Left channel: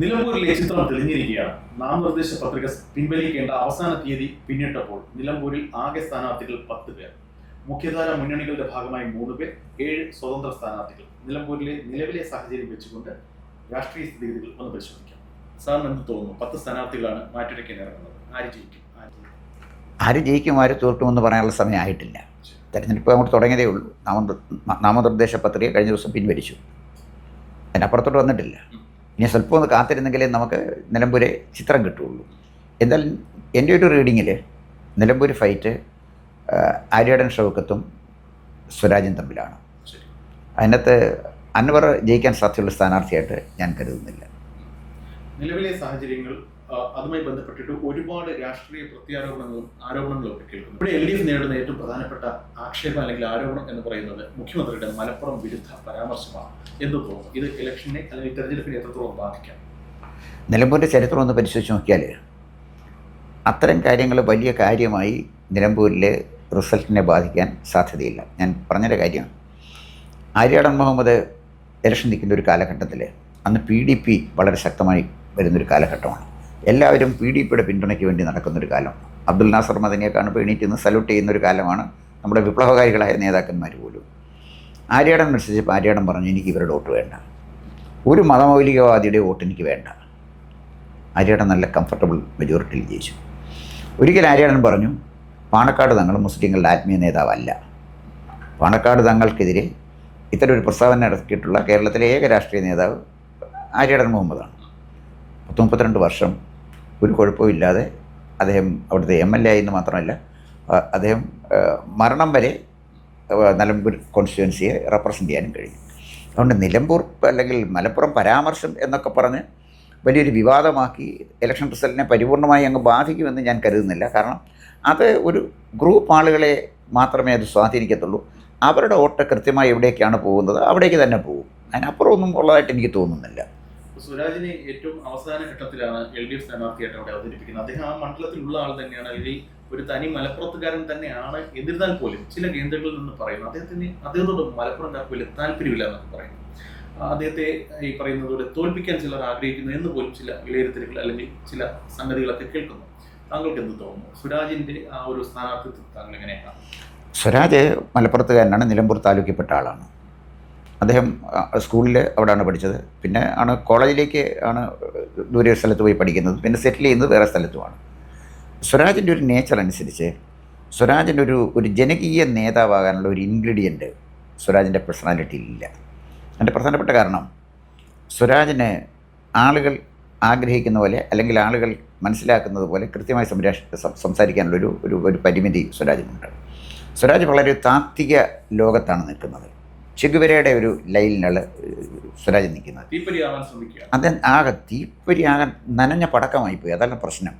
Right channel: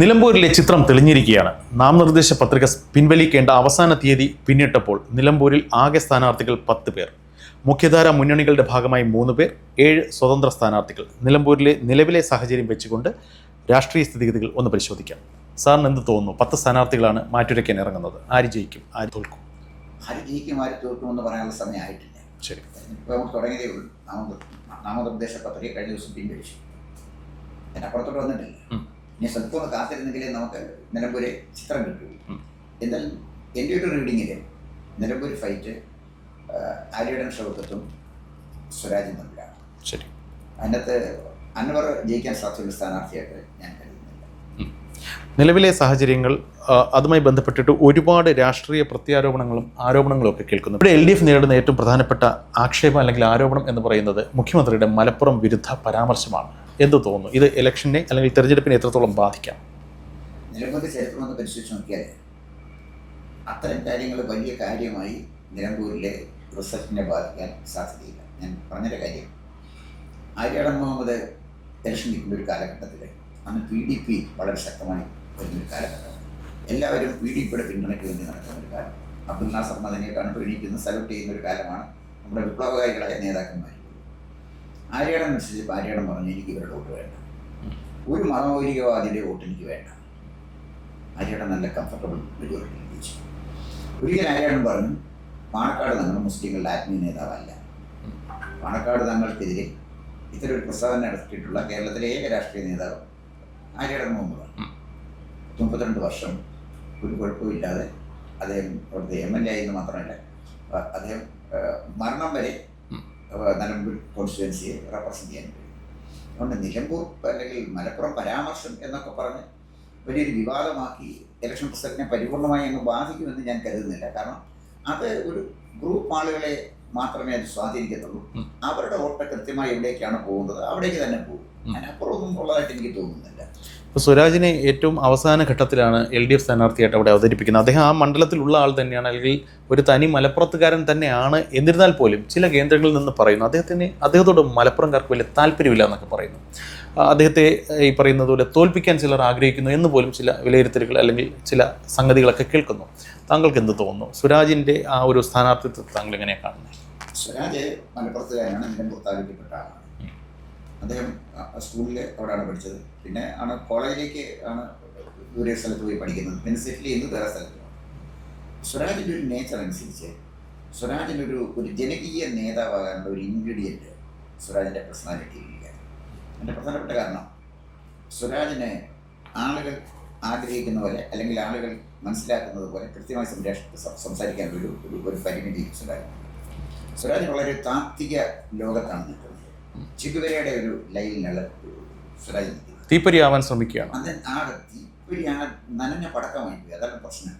നിലമ്പൂരിലെ ചിത്രം തെളിഞ്ഞിരിക്കുകയാണ്. നാമനിർദ്ദേശ പത്രിക പിൻവലിക്കേണ്ട അവസാന തീയതി പിന്നിട്ടപ്പോൾ നിലമ്പൂരിൽ ആകെ സ്ഥാനാർത്ഥികൾ 10 പേർ. മുഖ്യധാര മുന്നണികളുടെ ഭാഗമായി 3 പേർ, 7 സ്വതന്ത്ര സ്ഥാനാർത്ഥികൾ. നിലമ്പൂരിലെ നിലവിലെ സാഹചര്യം വെച്ചുകൊണ്ട് രാഷ്ട്രീയ സ്ഥിതിഗതികൾ ഒന്ന് പരിശോധിക്കാം. സാറിന് എന്ത് തോന്നുന്നു? 10 സ്ഥാനാർത്ഥികളാണ് മാറ്റുരയ്ക്കാൻ ഇറങ്ങുന്നത്. ആര് ജയിക്കും, ആര് തോൽക്കും? ആര് ജയിക്കും, ആര് തോൽക്കുമെന്ന് പറയാനുള്ള സമയമായിട്ടില്ല. ശരി, തെരഞ്ഞെടുപ്പ് അങ്ങോട്ട് തുടങ്ങിയതേ ഉള്ളൂ. നാമനിർദ്ദേശ പത്രിക കഴിഞ്ഞ ദിവസം പിൻവലിച്ചു. അതിനപ്പുറത്തോട്ട് വന്നിട്ടില്ല. ഇനി സ്വല്പം ഒന്ന് കാത്തിരുന്നെങ്കിലേ നമുക്ക് നിലമ്പൂരെ ചിത്രം കിട്ടുകയുള്ളൂ. എന്തായാലും എൻ്റെ ഒരു റീഡിങ്ങിൽ നിലമ്പൂർ ഫൈറ്റ് ആര്യാടൻ ഷൗക്കത്തും സ്വരാജും തമ്മിലാണ്. ശരി, അതിനകത്ത് അൻവർ ജയിക്കാൻ സാധ്യതയുള്ള സ്ഥാനാർത്ഥിയായിട്ട് ഞാൻ കരുതുന്നില്ല. നിലവിലെ സാഹചര്യങ്ങൾ അതുമായി ബന്ധപ്പെട്ടിട്ട് ഒരുപാട് രാഷ്ട്രീയ പ്രത്യാരോപണങ്ങളും ആരോപണങ്ങളും ഒക്കെ കേൾക്കുന്നു. ഇവിടെ LDF നേരിടുന്ന ഏറ്റവും പ്രധാനപ്പെട്ട ആക്ഷേപം അല്ലെങ്കിൽ ആരോപണം എന്ന് പറയുന്നത് മുഖ്യമന്ത്രിയുടെ മലപ്പുറം വിരുദ്ധ പരാമർശമാണ്. എന്ത് തോന്നുന്നു? ഇത് ഇലക്ഷനെ അല്ലെങ്കിൽ തെരഞ്ഞെടുപ്പിനെ എത്രത്തോളം ബാധിക്കാം? നിലമ്പൂരിൻ്റെ ചരിത്രം ഒന്ന് പരിശോധിച്ച് നോക്കിയാൽ അത്തരം കാര്യങ്ങൾ വലിയ കാര്യമായി നിലമ്പൂരിലെ റിസൾട്ടിനെ ബാധിക്കാൻ സാധ്യതയില്ല. ഞാൻ പറഞ്ഞൊരു കാര്യമാണ്, ആര്യാടൻ മുഹമ്മദ് ഇലക്ഷൻ നിൽക്കുന്ന ഒരു കാലഘട്ടത്തിൽ അന്ന് PDP വളരെ ശക്തമായി വരുന്നൊരു കാലഘട്ടമാണ്. എല്ലാവരും PDPയുടെ പിന്തുണയ്ക്ക് വേണ്ടി നടക്കുന്നൊരു കാലം. അബ്ദുൽ നാസർ മദനിയെക്കാണ് എണീറ്റ് നിന്ന് സല്യൂട്ട് ചെയ്യുന്നൊരു കാലമാണ്. നമ്മുടെ വിപ്ലവകാരികളായ നേതാക്കന്മാർ പോലും. ആര്യാടൻ മത്സരിച്ചപ്പോൾ ആര്യാടൻ പറഞ്ഞു, എനിക്ക് ഇവരുടെ വോട്ട് വേണ്ട, ഒരു മതമൗലികവാദിയുടെ വോട്ട് എനിക്ക് വേണ്ട. ആര്യാടൻ നല്ല കംഫർട്ടബിൾ മെജോറിറ്റിയിൽ ജയിച്ചു. ഒരിക്കൽ ആര്യാടൻ പറഞ്ഞു, പാണക്കാട് തങ്ങൾ മുസ്ലിങ്ങളുടെ ആത്മീയ നേതാവല്ല. പാണക്കാട് തങ്ങൾക്കെതിരെ ഇത്തരം ഒരു പ്രസ്താവന ഇറക്കിയിട്ടുള്ള കേരളത്തിലെ ഏക രാഷ്ട്രീയ നേതാവ് ആര്യാടൻ മുഹമ്മദാണ്. 32 വർഷം ഒരു കുഴപ്പമില്ലാതെ അദ്ദേഹം അവിടുത്തെ MLA ആയെന്ന് മാത്രമല്ല, അദ്ദേഹം മരണം വരെ നിലമ്പൂർ കോൺസ്റ്റിറ്റ്യുവൻസിയെ റെപ്രസെൻ്റ് ചെയ്യാനും കഴിഞ്ഞു. അതുകൊണ്ട് നിലമ്പൂർ അല്ലെങ്കിൽ മലപ്പുറം പരാമർശം എന്നൊക്കെ പറഞ്ഞ് വലിയൊരു വിവാദമാക്കി ഇലക്ഷൻ റിസൾട്ടിനെ പരിപൂർണമായി അങ്ങ് ബാധിക്കുമെന്ന് ഞാൻ കരുതുന്നില്ല. കാരണം അത് ഒരു ഗ്രൂപ്പ് ആളുകളെ മാത്രമേ അത് സ്വാധീനിക്കത്തുള്ളൂ. അവരുടെ വോട്ട് കൃത്യമായി എവിടേക്കാണ് പോകുന്നത് അവിടേക്ക് തന്നെ പോകും. അതിനപ്പുറം ഒന്നും ഉള്ളതായിട്ട് എനിക്ക് തോന്നുന്നില്ല. ഇപ്പോൾ സ്വരാജിനെ ഏറ്റവും അവസാന ഘട്ടത്തിലാണ് LDF സ്ഥാനാർത്ഥിയായിട്ട് അവിടെ അവതരിപ്പിക്കുന്നത്. അദ്ദേഹം ആ മണ്ഡലത്തിലുള്ള ആൾ തന്നെയാണ്, അല്ലെങ്കിൽ ഒരു തനി മലപ്പുറത്തുകാരൻ തന്നെയാണ്. എന്നിരുന്നാൽ പോലും ചില കേന്ദ്രങ്ങളിൽ നിന്ന് പറയുന്നു അദ്ദേഹത്തോട് മലപ്പുറംകാർക്ക് വലിയ താല്പര്യമില്ല എന്നൊക്കെ പറയുന്നു. അദ്ദേഹത്തെ ഈ പറയുന്നത് പോലെ തോൽപ്പിക്കാൻ ചിലർ ആഗ്രഹിക്കുന്നു എന്ന് പോലും ചില വിലയിരുത്തലുകൾ അല്ലെങ്കിൽ ചില സംഗതികളൊക്കെ കേൾക്കുന്നു. താങ്കൾക്ക് എന്ത് തോന്നുന്നു? സ്വരാജിൻ്റെ ആ ഒരു സ്ഥാനാർത്ഥിത്വം താങ്കൾ എങ്ങനെയാണ് കാണുന്നത്? സ്വരാജ് മലപ്പുറത്തുകാരനാണ്, നിലമ്പൂർ താലൂക്കിൽപ്പെട്ട ആളാണ്. അദ്ദേഹം സ്കൂളിൽ അവിടെയാണ് പഠിച്ചത്. പിന്നെ കോളേജിലേക്ക് ആണ് ദൂരെ സ്ഥലത്ത് പോയി പഠിക്കുന്നത്. പിന്നെ സെറ്റിൽ ചെയ്യുന്നത് വേറെ സ്ഥലത്തുമാണ്. സ്വരാജിൻ്റെ ഒരു നേച്ചർ അനുസരിച്ച് സ്വരാജിൻ്റെ ഒരു ജനകീയ നേതാവാകാനുള്ള ഒരു ഇൻഗ്രീഡിയൻറ്റ് സ്വരാജിൻ്റെ പേഴ്സണാലിറ്റിയിലില്ല. അതിൻ്റെ പ്രധാനപ്പെട്ട കാരണം, സ്വരാജിന് ആളുകൾ ആഗ്രഹിക്കുന്ന പോലെ അല്ലെങ്കിൽ ആളുകൾ മനസ്സിലാക്കുന്നത് പോലെ കൃത്യമായി സംസാരിക്കാനുള്ളൊരു ഒരു പരിമിതി സ്വരാജിനുണ്ട്. സ്വരാജ് വളരെ താത്വിക ലോകത്താണ് നിൽക്കുന്നത്. ചെഗുവേരയുടെ ഒരു ലൈനിലാണ് സ്വരാജ് നിൽക്കുന്നത്. തീപ്പൊരിയാവാൻ ശ്രമിക്കുകയാണ്. അത് ആകെ തീപ്പൊരിയാകാൻ നനഞ്ഞ പടക്കമായിപ്പോയി. അതാണ് പ്രശ്നം.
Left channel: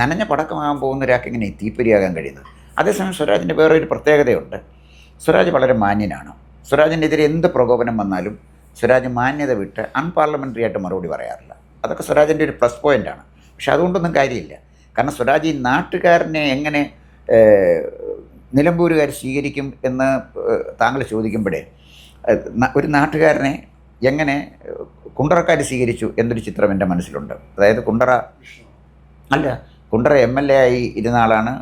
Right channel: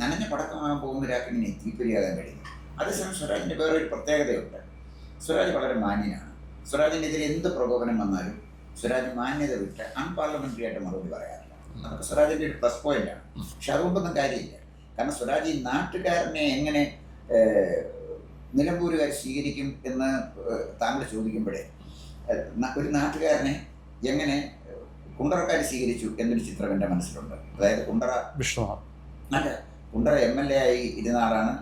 നനഞ്ഞ പടക്കമാകാൻ പോകുന്ന ഒരാൾക്ക് എങ്ങനെ തീപ്പൊരിയാകാൻ കഴിയുന്നത്? അതേസമയം സ്വരാജിൻ്റെ വേറെ ഒരു പ്രത്യേകതയുണ്ട്. സ്വരാജ് വളരെ മാന്യനാണ്. സ്വരാജിനെതിരെ എന്ത് പ്രകോപനം വന്നാലും സ്വരാജ് മാന്യത വിട്ട് അൺപാർലമെൻ്ററി ആയിട്ട് മറുപടി പറയാറില്ല. അതൊക്കെ സ്വരാജിൻ്റെ ഒരു പ്ലസ് പോയിൻ്റാണ്. പക്ഷെ അതുകൊണ്ടൊന്നും കാര്യമില്ല. കാരണം സ്വരാജ് ഈ നാട്ടുകാരനെ എങ്ങനെ നിലമ്പൂരുകാർ സ്വീകരിക്കും എന്ന് താങ്കൾ ചോദിക്കുമ്പോഴേ, ഒരു നാട്ടുകാരനെ എങ്ങനെ കുണ്ടറക്കാർ സ്വീകരിച്ചു എന്നൊരു ചിത്രം എൻ്റെ മനസ്സിലുണ്ട്. അതായത് കുണ്ടറ MLA ആയി ഇരുന്ന ആളാണ്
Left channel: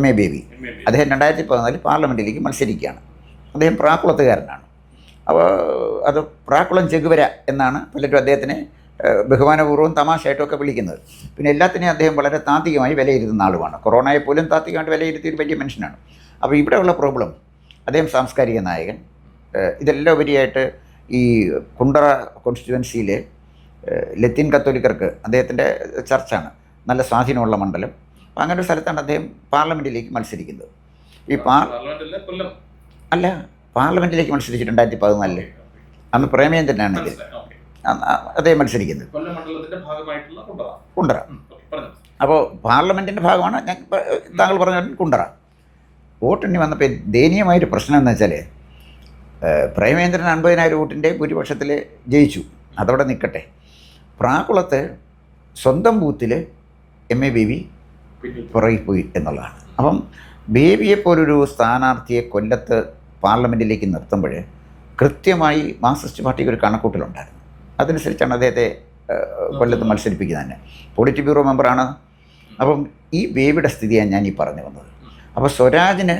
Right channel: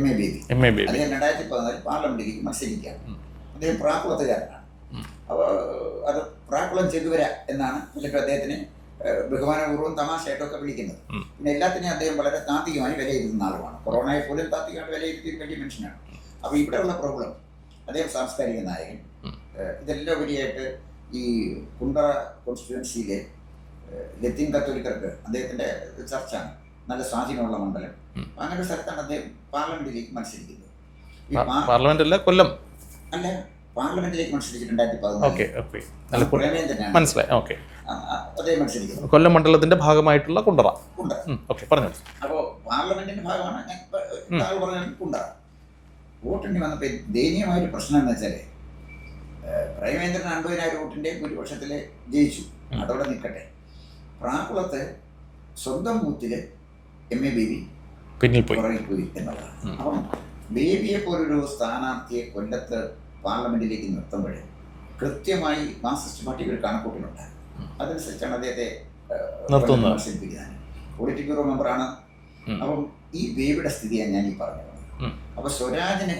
MA ബേബി. അദ്ദേഹം 2014 പാർലമെൻറ്റിലേക്ക് മത്സരിക്കുകയാണ്. അദ്ദേഹം പ്രാക്കുളത്തുകാരനാണ്. അപ്പോൾ അത് പ്രാക്കുളം ചെഗുവേര എന്നാണ് പലരും അദ്ദേഹത്തിനെ ബഹുമാനപൂർവ്വം തമാശയായിട്ടൊക്കെ വിളിക്കുന്നത്. പിന്നെ എല്ലാത്തിനെയും അദ്ദേഹം വളരെ താത്വികമായി വിലയിരുത്തുന്ന ആളുമാണ്. കൊറോണയെ പോലും താത്വികമായിട്ട് വിലയിരുത്തിയ ഒരു വലിയ മനുഷ്യനാണ്. അപ്പോൾ ഇവിടെയുള്ള പ്രോബ്ലം, അദ്ദേഹം സാംസ്കാരിക നായകൻ. ഇതെല്ലാം ഉപരിയായിട്ട് ഈ കുണ്ടറ കോൺസ്റ്റിറ്റ്യുവൻസിയിലെ ലത്തീൻ കത്തോലിക്കർക്ക് അദ്ദേഹത്തിൻ്റെ ചർച്ചാണ് നല്ല സ്വാധീനമുള്ള മണ്ഡലം. അപ്പോൾ അങ്ങനെ ഒരു സ്ഥലത്താണ് അദ്ദേഹം പാർലമെൻറ്റിലേക്ക് മത്സരിക്കുന്നത്. ഈ കൊല്ലം അല്ല, പാർലമെൻറ്റിലേക്ക് മത്സരിച്ചു 2014. അന്ന് പ്രേമചന്ദ്രനാണ് അദ്ദേഹം മത്സരിക്കുന്നത്. കൊല്ലം മണ്ഡലത്തിൻ്റെ ഭാഗമായിട്ടുള്ള കുണ്ടറ. പറഞ്ഞു. അപ്പോൾ പാർലമെൻറ്റിൻ്റെ ഭാഗമാണ് ഞാൻ താങ്കൾ പറഞ്ഞ കുണ്ടറ. വോട്ടെണ്ണി വന്നപ്പോൾ ദയനീയമായൊരു പ്രശ്നം എന്ന് വെച്ചാൽ, പ്രേമേന്ദ്രൻ 50,000 വോട്ടിൻ്റെ ഭൂരിപക്ഷത്തിൽ ജയിച്ചു. അതവിടെ നിൽക്കട്ടെ. പ്രാക്കുളത്ത് സ്വന്തം ബൂത്തിൽ MA ബേബി പുറകിൽ പോയി എന്നുള്ളതാണ്. അപ്പം ബേബിയെപ്പോലൊരു സ്ഥാനാർത്ഥിയെ കൊല്ലത്ത് പാർലമെൻറ്റിലേക്ക് നിർത്തുമ്പോൾ കൃത്യമായി മാർക്സിസ്റ്റ് പാർട്ടിക്ക് ഒരു കണക്കൂട്ടലുണ്ടായിരുന്നു. അതനുസരിച്ചാണ് അദ്ദേഹത്തെ കൊല്ലത്ത് മത്സരിപ്പിക്കുന്നത് തന്നെ. പോളിറ്റ് ബ്യൂറോ മെമ്പറാണ്. അപ്പം ഈ വേവിയുടെ സ്ഥിതിയാണ് ഞാൻ ഈ പറഞ്ഞു വന്നത്. അപ്പോൾ സ്വരാജിന്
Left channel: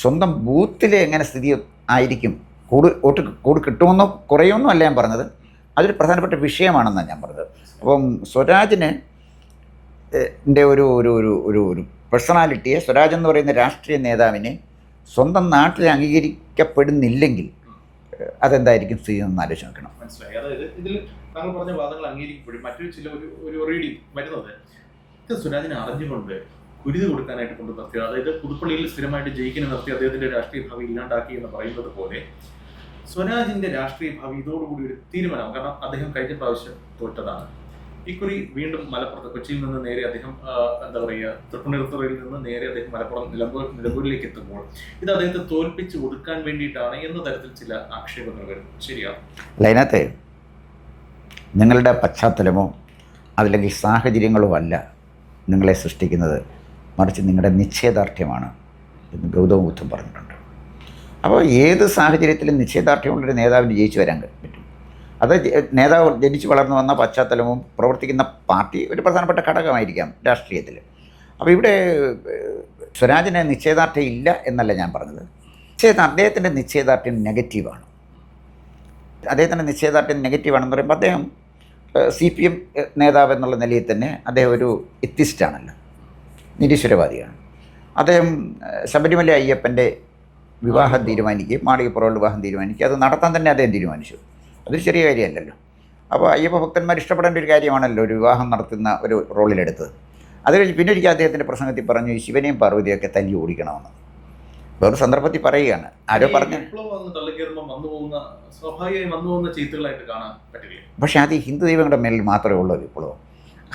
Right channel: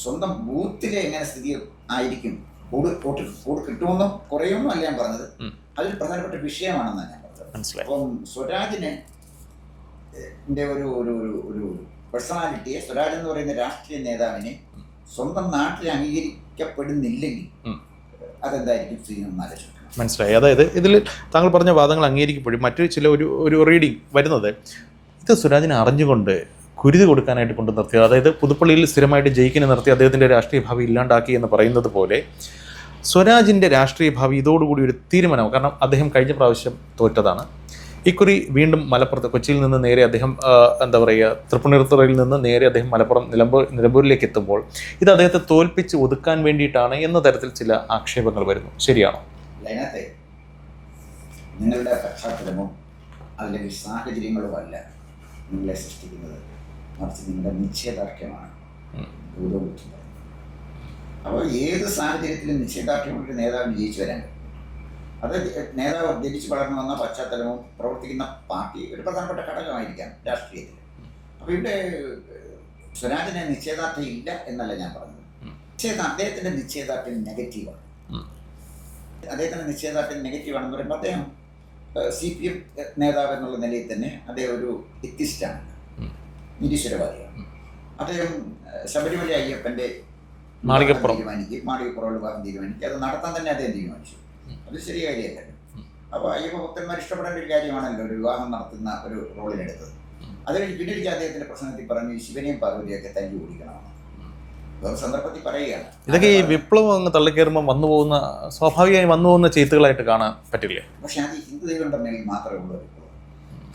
സ്വന്തം ബൂത്തിലെ എങ്ങനെ സ്ഥിതി ആയിരിക്കും, കൂട് കിട്ടുമെന്നോ കുറയുമെന്നോ അല്ല ഞാൻ പറഞ്ഞത്, അതൊരു പ്രധാനപ്പെട്ട വിഷയമാണെന്നാണ് ഞാൻ പറഞ്ഞത്. അപ്പം സ്വരാജിന് ഒരു ഒരു ഒരു ഒരു ഒരു പേഴ്സണാലിറ്റിയെ, സ്വരാജ് എന്ന് പറയുന്ന രാഷ്ട്രീയ നേതാവിനെ സ്വന്തം നാട്ടിൽ അംഗീകരിക്കപ്പെടുന്നില്ലെങ്കിൽ അതെന്തായിരിക്കും സ്ഥിതി എന്ന് ആലോചിച്ച് നോക്കണം. മനസ്സിലായി. അതായത് ഇതിൽ താങ്കൾ പറഞ്ഞ വാദങ്ങൾ അംഗീകരിക്കപ്പെടും. മറ്റൊരു ചില ഒരു റീഡിങ് വരുന്നത്, ഇത് സ്വരാജിനെ അറിഞ്ഞുകൊണ്ട് കുരുതി കൊടുക്കാനായിട്ട് കൊണ്ട് നിർത്തിയത്, അതായത് പുതുപ്പള്ളിയിൽ സ്ഥിരമായിട്ട് ജയിക്കിനെ നിർത്തി അദ്ദേഹത്തിൻ്റെ രാഷ്ട്രീയ ഭാവി ഇല്ലാണ്ടാക്കി എന്ന് പറയുന്നത് പോലെ സ്വരാജിൻ്റെ രാഷ്ട്രീയ ഭാവി ഇതോടുകൂടി ഒരു തീരുമാനമാവും. കാരണം അദ്ദേഹം കഴിഞ്ഞ പ്രാവശ്യം തോറ്റതാണ്. ഇക്കുറി വീണ്ടും മലപ്പുറത്ത്, കൊച്ചിയിൽ നിന്ന് നേരെ അദ്ദേഹം എന്താ പറയുക, തൃപ്പൂണിത്തുറയിൽ നിന്ന് നേരെ അദ്ദേഹം മലപ്പുറം നിലമ്പൂരിലേക്ക് എത്തുമ്പോൾ ഇത് അദ്ദേഹത്തെ തോൽപ്പിച്ച് ഒതുക്കാൻ വേണ്ടിയിട്ടാണ് എന്ന തരത്തിൽ ചില ആക്ഷേപങ്ങൾ വരുന്നു. ശരിയാണോ? അതിനകത്ത് നിങ്ങളുടെ പശ്ചാത്തലമോ അതല്ലെങ്കിൽ സാഹചര്യങ്ങളോ അല്ല നിങ്ങളെ സൃഷ്ടിക്കുന്നത്, മറിച്ച് നിങ്ങളുടെ നിശ്ചയദാർഢ്യമാണ് എന്ന് ഗൗതമ ബുദ്ധൻ പറഞ്ഞിട്ടുണ്ട്. അപ്പോൾ ഏത് സാഹചര്യത്തിലും നിശ്ചയദാർഢ്യമുള്ളൊരു നേതാവിന് ജയിച്ചു വരാൻ പറ്റും. അത് നേതാവ് ജനിച്ചു വളർന്നു വന്ന പശ്ചാത്തലവും പ്രവർത്തിക്കുന്ന പാർട്ടി ഒരു പ്രധാനപ്പെട്ട ഘടകമായിരിക്കാം രാഷ്ട്രീയത്തിൽ. അപ്പോൾ ഇവിടെ സ്വരാജിന് നിശ്ചയദാർഢ്യം ഇല്ല എന്നല്ല ഞാൻ പറഞ്ഞത്. അദ്ദേഹത്തിൻ്റെ നിശ്ചയദാർഢ്യം നെഗറ്റീവാണ്. അദ്ദേഹത്തിൻ്റെ നിശ്ചയദാർഢ്യം നെഗറ്റീവാണെന്ന് പറയുമ്പോൾ അദ്ദേഹം CPM നേതാവ് എന്നുള്ള നിലയിൽ തന്നെ അദ്ദേഹം ഒരു എത്തിസ്റ്റാണല്ലോ, നിരീശ്വരവാദിയാണ്. അദ്ദേഹം ശബരിമല അയ്യപ്പൻ്റെ വിവാഹം തീരുമാനിക്കുകയും മാളികപ്പുറമുള്ള വിവാഹം തീരുമാനിക്കുക, അത് നടത്താൻ തന്നെ അദ്ദേഹം തീരുമാനിച്ചു. അതൊരു ചെറിയ കാര്യമല്ലല്ലോ. അപ്പോൾ അയ്യപ്പ ഭക്തന്മാർ ഇഷ്ടപ്പെടേണ്ട ഒരു കാര്യമാണല്ലോ ഒരു വിവാഹം നടത്തുന്ന ഒരു റോളിലെടുത്തത്. അത് കഴിഞ്ഞ് പിന്നെ ഒരിക്കൽ അദ്ദേഹത്തിൻ്റെ പ്രസംഗത്തിൽ പറഞ്ഞു ശിവനെയും പാർവതിയൊക്കെ തല്ലി ഓടിക്കണമെന്ന്. വേറെ സന്ദർഭത്തിൽ പറയുകയാണ്. വിപ്ലവം അങ്ങ് തള്ളിക്കയറുമ്പോൾ സ്വാഭാവികമായി വന്നു പോകുന്ന ചെയ്ത്തുകളായിട്ട് കാണാൻ പറ്റില്ല. പക്ഷേ അത് ഹിന്ദു ദൈവങ്ങളുടെ മേലിൽ മാത്രമേ ഉള്ളൂ വിപ്ലവം.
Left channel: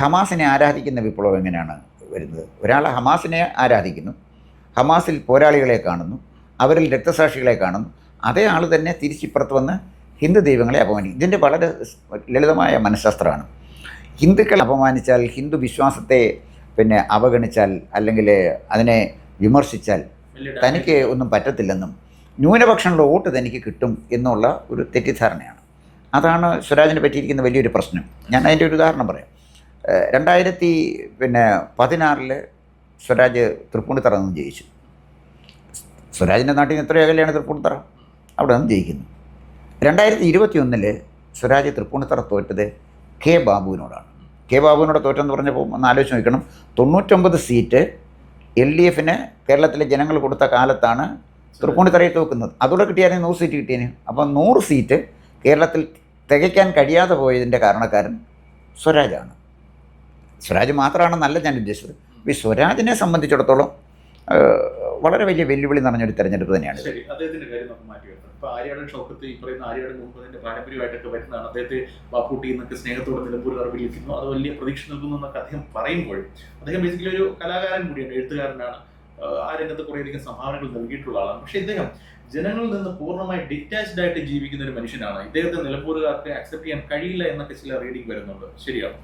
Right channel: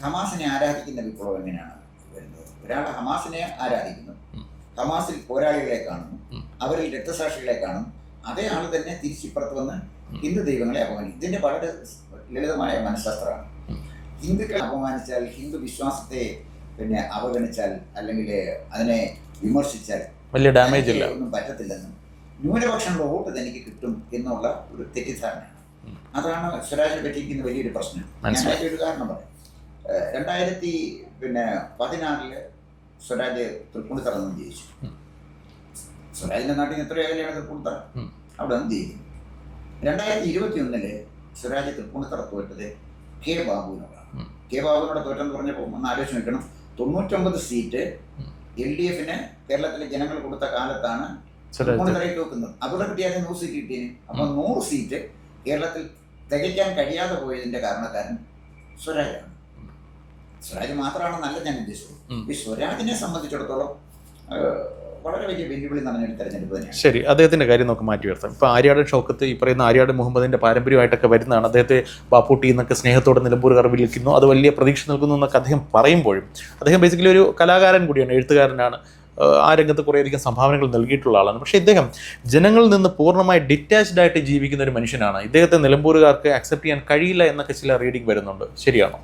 ഹമാസിനെ ആരാധിക്കുന്ന വിപ്ലവം എങ്ങനെയാണ് വരുന്നത്? ഒരാൾ ഹമാസിനെ ആരാധിക്കുന്നു, ഹമാസിൽ പോരാളികളെ കാണുന്നു, അവരിൽ രക്തസാക്ഷികളെ കാണുന്നു, അതേ ആൾ തന്നെ തിരിച്ചിപ്പുറത്ത് വന്ന് ഹിന്ദു ദൈവങ്ങളെ അപമാനിക്കും. ഇതിൻ്റെ വളരെ ലളിതമായ മനഃശാസ്ത്രമാണ്. ഹിന്ദുക്കളെ അപമാനിച്ചാൽ, ഹിന്ദു വിശ്വാസത്തെ അവഗണിച്ചാൽ, അല്ലെങ്കിൽ അതിനെ വിമർശിച്ചാൽ തനിക്ക് ഒന്നും പറ്റത്തില്ലെന്നും ന്യൂനപക്ഷങ്ങളുടെ വോട്ട് തനിക്ക് കിട്ടും എന്നുള്ള ഒരു തെറ്റിദ്ധാരണയാണ്. അതാണ് സ്വരാജിനെ പറ്റിയിരിക്കുന്ന വലിയൊരു പ്രശ്നം. ഞാൻ അതിൻ്റെ ഒരു ഉദാഹരണം പറയാം. 2016 സ്വരാജ് തൃപ്പൂണിത്തറ നിന്ന് ജയിച്ചു. സ്വരാജിൻ്റെ നാട്ടിൽ നിന്ന് എത്ര അകലെയാണ് തൃപ്പൂണിത്തറ, അവിടെ നിന്ന് ജയിക്കുന്നു. 2021 സ്വരാജ് തൃപ്പൂണിത്തറ തോറ്റത് കെ ബാബുവിനോടാണ്. കെ ബാബുവിനോട് തോറ്റെന്ന് പറഞ്ഞപ്പോൾ ഒന്ന് ആലോചിച്ച് നോക്കണം. 99 സീറ്റ് LDFന് കേരളത്തിലെ ജനങ്ങൾ കൊടുത്ത കാലത്താണ് തൃപ്പൂണിത്തറയിൽ തോക്കുന്നത്. അതോടെ കിട്ടിയാലും 100 സീറ്റ് കിട്ടിയേനെ. അപ്പം 100 സീറ്റ് കേരളത്തിൽ തികയ്ക്കാൻ കഴിയാതെ പോയതിൻ്റെ കാരണക്കാരൻ സ്വരാജാണ്. സ്വരാജ് മാത്രമാണെന്നല്ല ഞാൻ ഉദ്ദേശിച്ചത്. ഈ സ്വരാജിനെ സംബന്ധിച്ചിടത്തോളം വളരെ വലിയ വെല്ലുവിളി നിറഞ്ഞൊരു തെരഞ്ഞെടുപ്പ് തന്നെയാണ്. ശരി, അദ്ദേഹത്തിൻ്റെ കാര്യം നമുക്ക് മാറ്റി ഉയർത്താം. ഇപ്പോൾ ആര്യാടൻ ഷൗക്കത്ത്, ഈ പറയുന്ന ആര്യാടൻ മുഹമ്മദിൻ്റെ പാരമ്പര്യമായിട്ടൊക്കെ വരുന്നതാണ്. അദ്ദേഹത്തെ ബാപ്പൂട്ടി എന്നൊക്കെ സ്നേഹത്തോടെ നിലമ്പൂരുകാർ വിളിക്കുന്നു, അത് വലിയ പ്രതീക്ഷ നൽകുന്നു എന്നൊക്കെ അദ്ദേഹം പറയുമ്പോഴും അദ്ദേഹം ബേസിക്കലി ഒരു കലാകാരൻ കൂടിയാണ്, എഴുത്തുകാരനാണ്, ആ രംഗത്ത് കുറേയധികം സംഭാവനകൾ നൽകിയിട്ടുള്ള ആളാണ്. പക്ഷേ ഇദ്ദേഹം ജനങ്ങളിൽ നിന്ന് പൂർണ്ണമായി ഡിറ്റാച്ച്ഡ് ആയിട്ട് ജീവിക്കുന്ന ഒരു മനുഷ്യനാണ്. ഇദ്ദേഹത്തെ നിലമ്പൂരുകാർക്ക് അക്സെപ്റ്റ് ചെയ്യാൻ കഴിയില്ല എന്നൊക്കെ ചില റീഡിംഗ് വരുന്നുണ്ട്. ശരിയാണോ?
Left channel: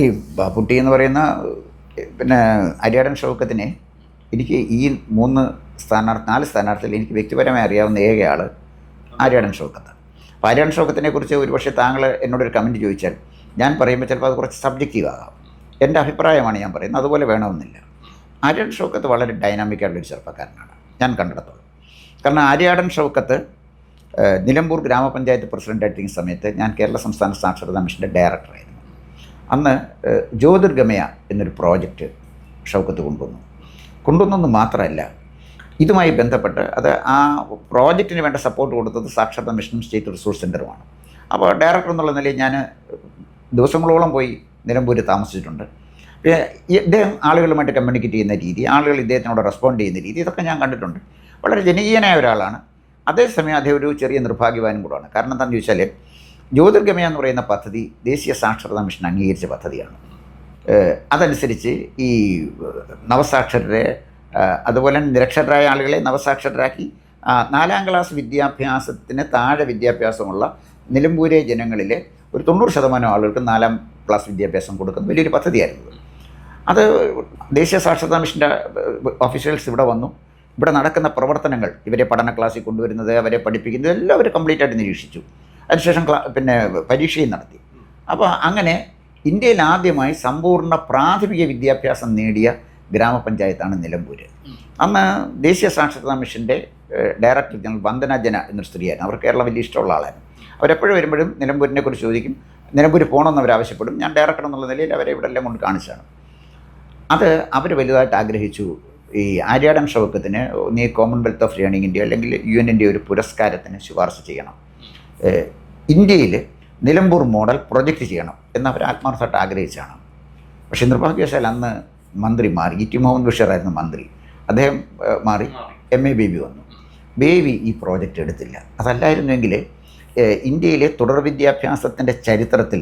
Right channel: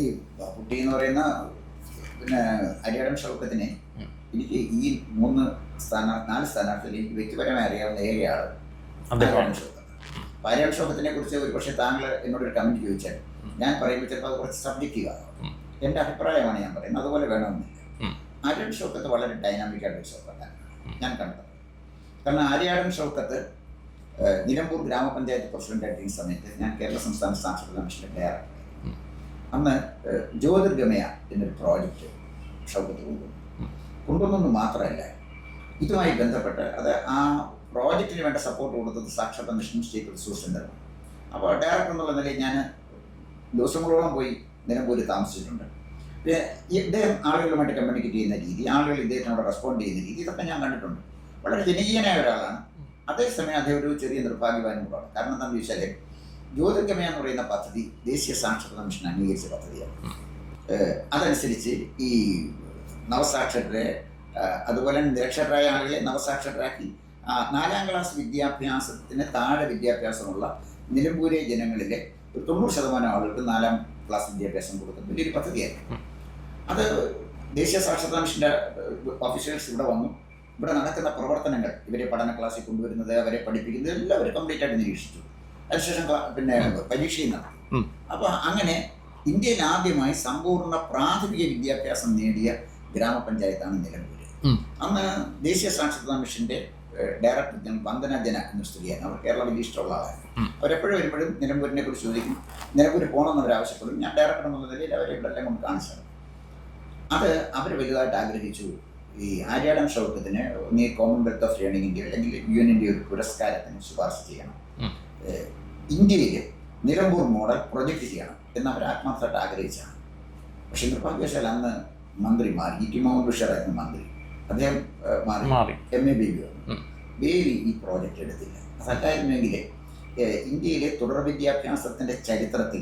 ഈ ബാപ്പുട്ടി എന്ന് പറയുന്ന ആര്യാടൻ ഷൗക്കത്തിനെ എനിക്ക് ഈ 4 സ്ഥാനാർത്ഥികൾ എനിക്ക് വ്യക്തിപരമായി അറിയാവുന്ന ഏക ആൾ ആര്യാടൻ ഷൗക്കത്താണ്. അപ്പോൾ ആര്യാടൻ ഷൗക്കത്തിനെ കുറിച്ച് ഒരുപക്ഷെ താങ്കൾ എന്നോടൊരു കമൻറ്റ് ചോദിച്ചാൽ ഞാൻ പറയുമ്പോൾ ചിലപ്പോൾ അത് കുറച്ച് സബ്ജക്റ്റീവ് ആകാം. എൻ്റെ അഭിപ്രായമാണ് ഞാൻ പറയുന്നത്, അതുപോലെ വേണമെന്നില്ല. ആര്യാടൻ ഷൗക്കത്ത് വളരെ ഡൈനാമിക്കായിട്ടുള്ളൊരു ചെറുപ്പക്കാരനാണ് ഞാൻ കണ്ടെടുത്തത്. കാരണം ആര്യാടൻ ഷൗക്കത്ത് നിലമ്പൂർ ഗ്രാമപഞ്ചായത്ത് പ്രസിഡൻ്റായിട്ടിരിക്കുന്ന സമയത്ത് ഞാൻ കേരള സംസ്ഥാന സാക്ഷരതാ മിഷൻ്റെ ഡയറക്ടറായിരുന്നു. അന്ന് ജ്യോതിർഗമയ എന്നൊരു പ്രോജക്റ്റ് ഷൗക്കത്ത് കൊണ്ടുവന്നെന്ന് മാത്രമല്ല, ഇതുമായി ബന്ധപ്പെട്ട് ആ പ്രോജക്റ്റിന് വേണ്ട സപ്പോർട്ട് കൊടുത്തത് സാക്ഷരതാ മിഷനും സ്റ്റേറ്റ് റിസോഴ്സ് സെൻ്ററുമാണ്. അപ്പോൾ ഡയറക്ടർ എന്നുള്ള നിലയിൽ ഞാൻ ദിവസങ്ങളോളം പോയി നിലമ്പൂർ താമസിച്ചിട്ടുണ്ട്. ഇദ്ദേഹം ആളുകളുമായിട്ട് കമ്മ്യൂണിക്കേറ്റ് ചെയ്യുന്ന രീതി, ആളുകൾ ഇദ്ദേഹത്തിനോട് റെസ്പോണ്ട് ചെയ്യുന്ന രീതി, ഇതൊക്കെ ഞാൻ കണ്ടിട്ടുണ്ട്. വളരെ ജനകീയനായ ഒരാളാണ്. അതേസമയം അദ്ദേഹം ഒരു ചെറിയ നിർഭാഗ്യവാനും കൂടാണ്. കാരണം എന്താണെന്ന് ചോദിച്ചാൽ ജ്യോതിർഗമയ എന്ന് പറയുന്ന പദ്ധതി ദേശീയ സാക്ഷരതാ മിഷൻ അംഗീകരിച്ച പദ്ധതിയാണ്. അതനുസരിച്ച് ഈ നവസാക്ഷരരെ, അതുപോലെ നിരക്ഷരരായ ആളുകളെ നവസാക്ഷരരാക്കി 4ാം ക്ലാസ് വിദ്യാഭ്യാസത്തിന് താഴെ വിദ്യാഭ്യാസമുള്ള നിലമ്പൂരെ ജനങ്ങളിലെ ഒരു 90% ആളുകൾക്ക് 4ാം ക്ലാസ് വിദ്യാഭ്യാസം കൊടുക്കുന്ന വലിയൊരു പദ്ധതിയായിരുന്നു. അത് ദേശീയ സാക്ഷരതാ മിഷൻ്റെ ഓഫീഷ്യൽസ് ഇവിടെ വന്നു. ഇവിടെ നടക്കുന്ന പ്രവർത്തനങ്ങൾ, ഇവരെ പഠന ക്ലാസ്സിൽ കൊണ്ടുവരുന്നത്, അവരെ പഠിപ്പിക്കുന്നത് എല്ലാം അവർ കംപ്ലീറ്റ് ആയിട്ട് നിരീക്ഷിച്ചു. അതിനുശേഷം പരീക്ഷയും നടത്തി. അപ്പോൾ അങ്ങനെ ഇന്ത്യയിൽ ആദ്യമായി സമ്പൂർണ്ണ പ്രാഥമിക വിദ്യാഭ്യാസം നേടിയ ഗ്രാമപഞ്ചായത്താണ് നിലമ്പൂർ. അന്ന് ദേശീയ സാക്ഷരതാ മിഷൻ്റെ ഡയറക്ടർ ജനറൽ വന്ദന ജന എന്നൊരു സ്ത്രീയായിരുന്നു. അവർ കേരളം വലിയ ഇഷ്ടമുള്ള ആളായിരുന്നു. അവരെപ്പോഴും വരുമ്പോഴും നിലമ്പൂരിനെ കുറിച്ച് ചോദിക്കും, നിലമ്പൂർ പോകണമെന്ന് അവർ ആവശ്യപ്പെടും. ഞാൻ ഡയറക്ടർ എന്നുള്ള നിലയിൽ അവരെ ഇവിടെ എല്ലാം കൊണ്ട് കാണിച്ചാണ്. അത് അവർ വലുതായിട്ട് ആഗ്രഹിച്ചു. ഈ ആര്യാടൻ ഷൗക്കത്തിന് നീ കോമൺവെൽത്ത് ഓഫ് ലേണിങ്ങിൻ്റെ അല്ലെങ്കിൽ UN-ൻ്റെ ഒരു പുരസ്കാരത്തിന് ശുപാർശ ചെയ്യണം, ഇന്ത്യയിൽ നിലമ്പൂർ മോഡൽ പ്രൊജക്റ്റ് ചെയ്യണം എന്ന് അവർ ആത്മാർത്ഥമായിട്ട് ആഗ്രഹിച്ചാണ്. പക്ഷേ നിർഭാഗ്യവശാൽ അന്ന് മന്ത്രി മാറി. ഇ ടി മുഹമ്മദ് ബഷീറായിരുന്നു മന്ത്രി. അദ്ദേഹം മാറി MA ബേബി വന്നു. ബേബി ഈ പ്രോജക്റ്റ് എടുത്തില്ല. അതല്ലായിരുന്നെങ്കിൽ ഇന്ത്യയിലെ തുടർ വിദ്യാഭ്യാസത്തിൻ്റെ ചരിത്രത്തിൽ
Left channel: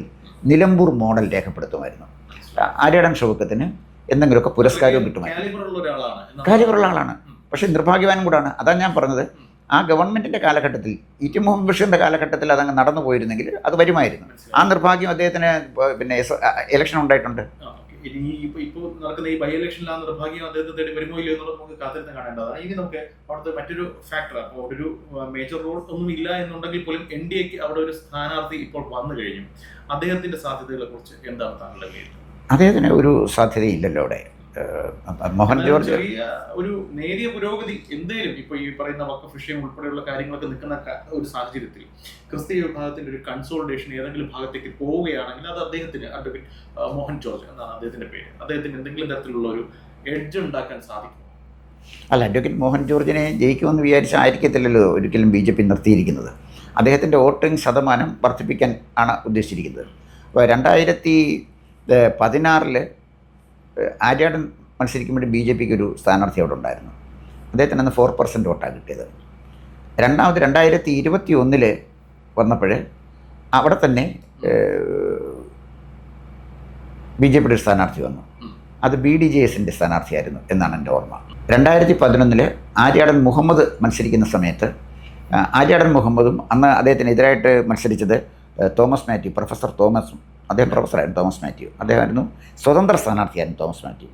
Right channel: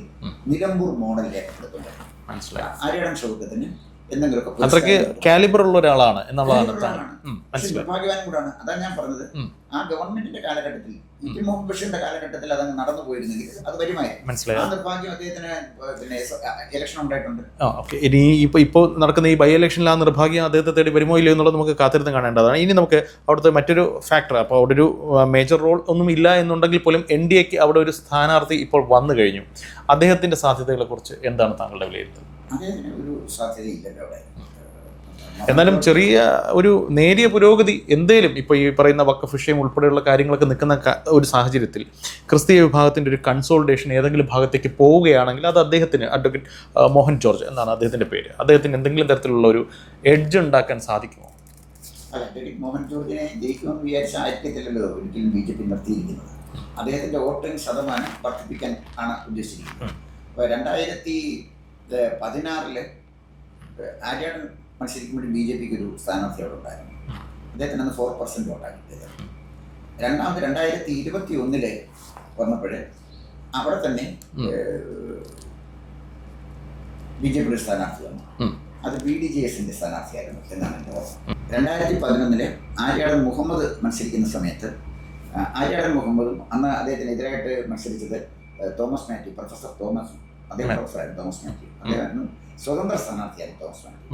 നിലമ്പൂർ മോഡൽ രേഖപ്പെടുത്തുമായിരുന്നു. ആര്യാടൻ ഷൗക്കത്തിന് എന്തെങ്കിലുമൊക്കെ പുരസ്കാരം കിട്ടും. കാലിബറുള്ള ഒരാളാണ്. പക്ഷെ നിർഭാഗ്യവാനും കൂടാണ്. അതാണ് ഞാൻ പറഞ്ഞത്, ആ ഗവൺമെന്റിന്റെ കാലഘട്ടത്തിൽ ഇ ടി മുഹമ്മദ് ബഷീറിന്റെ കാലഘട്ടത്തിൽ അതങ്ങ് നടന്നു പോയിരുന്നെങ്കിൽ അത് വരുമായിരുന്നു. ആ നിർഭാഗ്യം അദ്ദേഹത്തിന് പിന്നെ ഇലക്ഷൻ ഉണ്ടായിട്ടുണ്ട്. ഇനി ഇപ്പോൾ നടക്കുന്ന ഈ ബൈ ഇലക്ഷനിൽ ആ നിർഭാഗ്യം അദ്ദേഹത്തെ തേടി വരുമോ ഇല്ലയോ എന്നുള്ളത് നമുക്ക് കാത്തിരുന്ന് കാണേണ്ടതാണ്. ഇനി നമുക്ക് അവിടുത്തെ മറ്റൊരു ഫാക്ടർ, അപ്പോൾ അവിടെ ഒരു മേജർ റോൾ ഒന്നും ഇല്ല എന്നുണ്ടെങ്കിൽ പോലും NDAക്ക് അവിടെ ഒരു സ്ഥാനാർത്ഥി ഇപ്പോൾ വന്നു കഴിഞ്ഞു. അദ്ദേഹത്തിന്റെ സാധ്യതകളെ കുറിച്ച് എന്താണ് താങ്കളുടെ വിലയിരുത്തൽ? അദ്ദേഹത്തിന് ഒരു സാധ്യതയില്ലല്ലോ അവിടെ. എന്നാലും ചെറിയ ഒരു നേരിയ പുരോഗതി എന്തേലും ഇപ്പോൾ ഈ പറയുന്ന വഖഫ് വിഷയം ഉൾപ്പെടെയുള്ള കാര്യങ്ങളൊക്കെ നിൽക്കുന്ന ഒരു സാഹചര്യത്തിൽ ക്രിസ്തീയ വിഭാഗത്തിൻ്റെ ഒരു കൺസോൾട്ടേഷൻ ഏതെങ്കിലും ഭാഗത്തേക്ക് പോവുകയാണെങ്കിൽ അത് അദ്ദേഹത്തിന്, അഡ്വക്കേറ്റ് മോഹൻ ജോർജ് എന്നാണ് അദ്ദേഹത്തിൻ്റെ പേര്, അദ്ദേഹത്തിന് എന്തെങ്കിലും തരത്തിലുള്ള ഒരു എഡ്ജ് ഉണ്ടാക്കാൻ സാധിക്കുമോ? അല്ല, അഡ്വക്കേറ്റ് മോഹൻ ജോർജിനെ ജയിക്കുമെന്ന് വിചാരിച്ചായിരിക്കത്തില്ലല്ലോ ഒരിക്കലും BJP നിർത്തിയിരിക്കുന്നത്. അദ്ദേഹത്തിൻ്റെ വോട്ടിംഗ് ശതമാനം വർദ്ധിപ്പിക്കാൻ ആണ് ഉദ്ദേശിച്ചിരിക്കുന്നത്. അപ്പോൾ 2016 ആര്യാടൻ മത്സരിക്കുമ്പോൾ BJPക്ക് ഒരു സ്ഥാനാർത്ഥി അവിടെ ഉണ്ടായിരുന്നു. അദ്ദേഹത്തിന് അന്ന് 4% വോട്ടാണ് കിട്ടിയത്. രണ്ടാമത് 2021 വന്നപ്പോൾ അവിടെ തന്നെ BJPയുടെ ഒരു സ്ഥാനാർത്ഥി വന്നു. അത് BDJSൻ്റെ സ്ഥാനാർത്ഥിയായിരുന്നു എന്നാണ് എൻ്റെ ഓർമ്മ. 2011 ആര്യാടൻ മുഹമ്മദ് മത്സരിക്കുന്ന സമയത്ത് ആര്യാടൻ മുഹമ്മദും അന്ന് അദ്ദേഹത്തിനെതിരായിട്ട് മത്സരിച്ചത് തോമസ് മാത്യു, പ്രൊഫസർ തോമസ്, അദ്ദേഹം പ്രൊഫസറായിരുന്നു തോമസ് മാത്യു. അദ്ദേഹമായിരുന്നു സ്വതന്ത്ര സ്ഥാനാർത്ഥിയായിരുന്നു തോമസ് മാത്യു.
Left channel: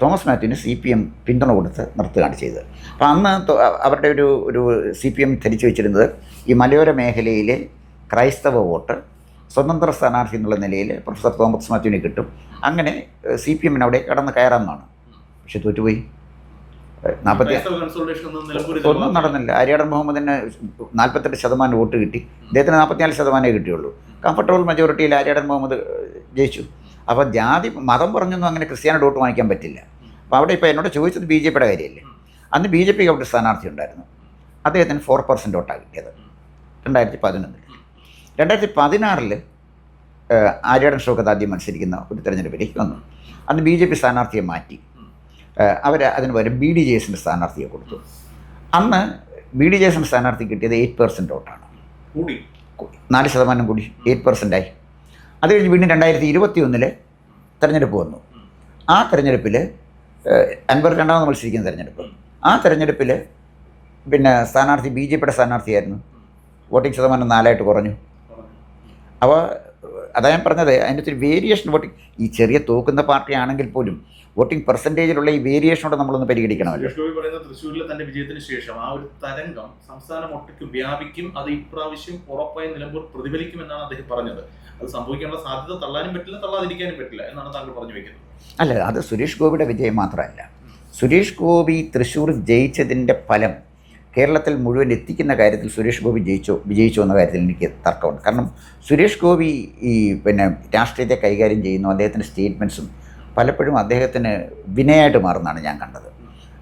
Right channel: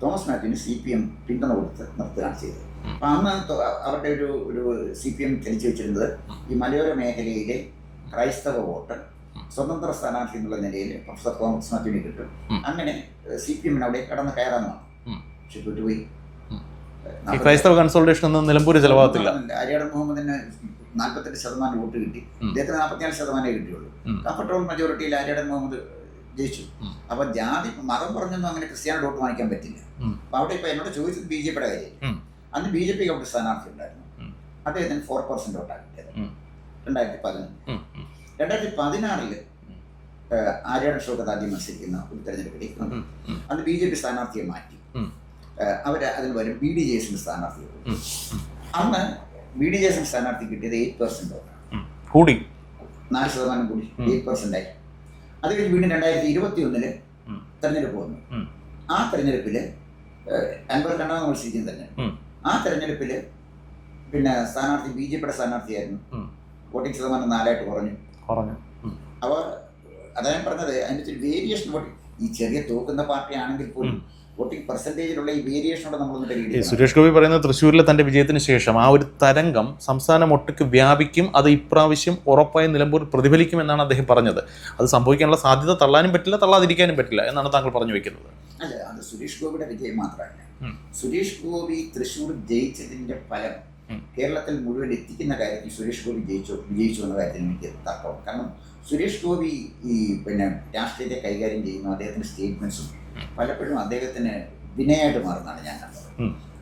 തോമസ് മാത്യുവിന് CPM പിന്തുണ കൊടുത്ത് നിർത്തുകയാണ് ചെയ്തത്. അപ്പോൾ അന്ന് അവരുടെ ഒരു CPM ധരിച്ചു വെച്ചിരുന്നത് ഈ മലയോര മേഖലയിലെ ക്രൈസ്തവ വോട്ട് സ്വതന്ത്ര സ്ഥാനാർത്ഥി എന്നുള്ള നിലയിൽ പ്രൊഫസർ തോമസ് മാത്യുവിനെ കിട്ടും, അങ്ങനെ CPM-ന് അവിടെ കടന്ന് കയറാമെന്നാണ്. പക്ഷെ തോറ്റുപോയി. നടന്നില്ല. ആര്യാടൻ മുഹമ്മദിന് 48% വോട്ട് കിട്ടി, അദ്ദേഹത്തിന് 44% കിട്ടിയുള്ളൂ. കംഫർട്ടബിൾ മെജോറിറ്റിയിൽ ആര്യാടൻ മുഹമ്മദ് ജയിച്ചു. അപ്പോൾ ജാതി മതം പറഞ്ഞൊന്നും അങ്ങനെ ക്രിസ്ത്യാനിയുടെ വോട്ട് വാങ്ങിക്കാൻ പറ്റില്ല. അപ്പോൾ അവിടെ ഇപ്പോൾ എന്നോട് ചോദിച്ചത് BJPയുടെ കാര്യമല്ലേ. അന്ന് BJPക്ക് അവിടെ സ്ഥാനാർത്ഥി ഉണ്ടായിരുന്നു. അദ്ദേഹത്തിന് 4% വോട്ടാണ് കിട്ടിയത് 2011. 2016 ആര്യാടൻ ഷൗക്കത്ത് ആദ്യം മത്സരിക്കുന്ന ഒരു തെരഞ്ഞെടുപ്പിലേക്ക് വന്നു. അന്ന് BJP സ്ഥാനാർത്ഥിയെ മാറ്റി. അവർ അതിന് പകരം BDJSൻ്റെ സ്ഥാനാർത്ഥിയെ കൊടുത്തു. അന്ന് BDJSൻ്റെ സ്ഥാനാർത്ഥി കിട്ടിയത് 8% വോട്ടാണ്. കൂടി 4% കൂടി 8%ആയി. അത് കഴിഞ്ഞ് വീണ്ടും 2021 തെരഞ്ഞെടുപ്പ് വന്നു. ആ തെരഞ്ഞെടുപ്പിൽ അൻവർ രണ്ടാമത് മത്സരിക്കുന്ന തെരഞ്ഞെടുപ്പ്. ആ തെരഞ്ഞെടുപ്പിൽ പിന്നെ സ്ഥാനാർത്ഥി BJPയുടെ സ്ഥാനാർത്ഥിയായിരുന്നു. വോട്ടിംഗ് ശതമാനം 4 കുറഞ്ഞു. അപ്പോൾ അതാ ഞാൻ പറഞ്ഞത്, അതിൻ്റെ ഒരു വേരിയേഷൻ വോട്ടിംഗ്, ഈ ചെറിയ തൂക്കുന്ന പാർട്ടി ആണെങ്കിൽ പോലും വോട്ടിംഗ് പെർസെൻറ്റേജിലുള്ള ഈ വേരിയേഷനോട് നമ്മളൊന്ന് പരിഗണിക്കണം. സുരേഷ് ഗോപി പറയുന്നത് തൃശ്ശൂരിലെ തൻ്റെ വിജയത്തിന് ശേഷം ആ ഒരു തരംഗം സംസ്ഥാനം ഒട്ടുക്ക് വ്യാപിക്കും, അത് ഇപ്രാവശ്യം ഉറപ്പായും നിലമ്പൂർ പ്രതിഫലിക്കുമെന്നാണ് അദ്ദേഹം പറഞ്ഞത്. അത് സംഭവിക്കാനുള്ള സാധ്യത തള്ളാനും പറ്റില്ല, തള്ളാതിരിക്കാനും പറ്റില്ല എന്നാണ് താങ്കൾ പറഞ്ഞു വയ്ക്കുന്നത്. അല്ല, അത് സുരേഷ് ഗോപിയുടെ വിജയം മാത്രമല്ല. സുരേഷ് ഗോപി തൃശ്ശൂർ ജയിച്ചതിൻ്റെ ഫലം കേരളത്തിൽ മുഴുവൻ എത്തിക്കുന്ന കാര്യത്തിൽ സുരേഷ് ഗോപി വിജയിച്ചോ എന്ന കാര്യത്തിൽ എനിക്ക് തർക്കമുണ്ട്. കാരണം സുരേഷ് ഗോപി ഈ പിന്നെ രാഷ്ട്രീയത്തെ കൈകാര്യം ചെയ്യുന്നു, അദ്ദേഹത്തിൻ്റെ സ്റ്റേറ്റ്മെൻറ്റ്സും പലപ്പോഴും അദ്ദേഹത്തിന് വിനയായിട്ട് മാറുന്നതാണ് ഞാൻ കണ്ടത്.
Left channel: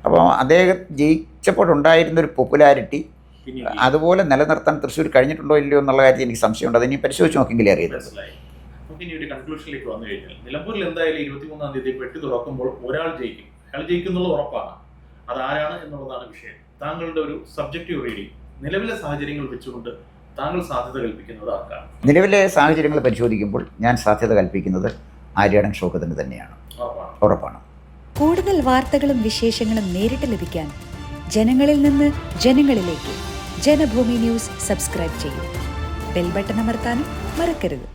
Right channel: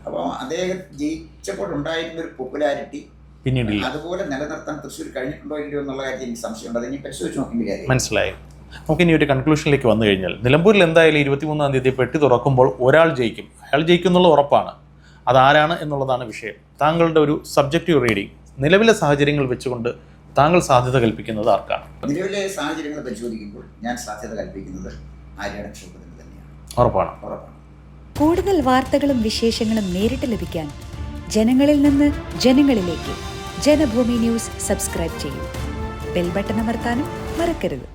അപ്പോൾ അദ്ദേഹം ജയിച്ചപ്പോഴുണ്ടായിരുന്നൊരു പോപ്പുലാരിറ്റി അതുപോലെ നിലനിർത്താൻ തൃശ്ശൂർ കഴിഞ്ഞിട്ടുണ്ടോ ഇല്ലയോ എന്നുള്ള കാര്യത്തിൽ എനിക്ക് സംശയമുണ്ട്. അതിനി പരിശോധിച്ച് നോക്കിയെങ്കിലേ അറിയാം. മനസ്സിലായി. നമുക്ക് ഇനി ഒരു കൺക്ലൂഷനിലേക്ക് വന്നു കഴിഞ്ഞാൽ, നിലമ്പൂരിൽ എന്തായാലും 23-ാം തീയതി പെട്ടി തുറക്കുമ്പോൾ ഒരാൾ ജയിക്കും. അയാൾ ജയിക്കും എന്നുള്ളത് ഉറപ്പാണ്. അതാരാണ് എന്നുള്ളതാണ് വിഷയം. താങ്കളുടെ ഒരു സബ്ജക്റ്റീവ് റീഡിങ്, നിലവിലെ സാഹചര്യങ്ങൾ വെച്ചുകൊണ്ട് താങ്കൾ സാധ്യത കൽപ്പിക്കുന്നത് ആർക്കാണ്? നിലവിലെ സാഹചര്യങ്ങൾ പരിശോധിക്കുമ്പോൾ ഞാൻ സാധ്യത കൽപ്പിക്കുന്നത് ആര്യാടൻ ഷൗക്കത്തിന് തന്നെയാണ്. ഉറപ്പാണ്. കൂടുതൽ വാർത്തകളും വിശേഷങ്ങളും നേരിട്ട് ലഭിക്കാൻ ജനങ്ങളിൽ നിന്ന് ജനങ്ങളിലേക്ക് ജനഭൂമി ന്യൂസ് സബ്സ്ക്രൈബ് ചെയ്യൂ. ബെൽ ബട്ടൺ അമർത്താനും മറക്കരുത്.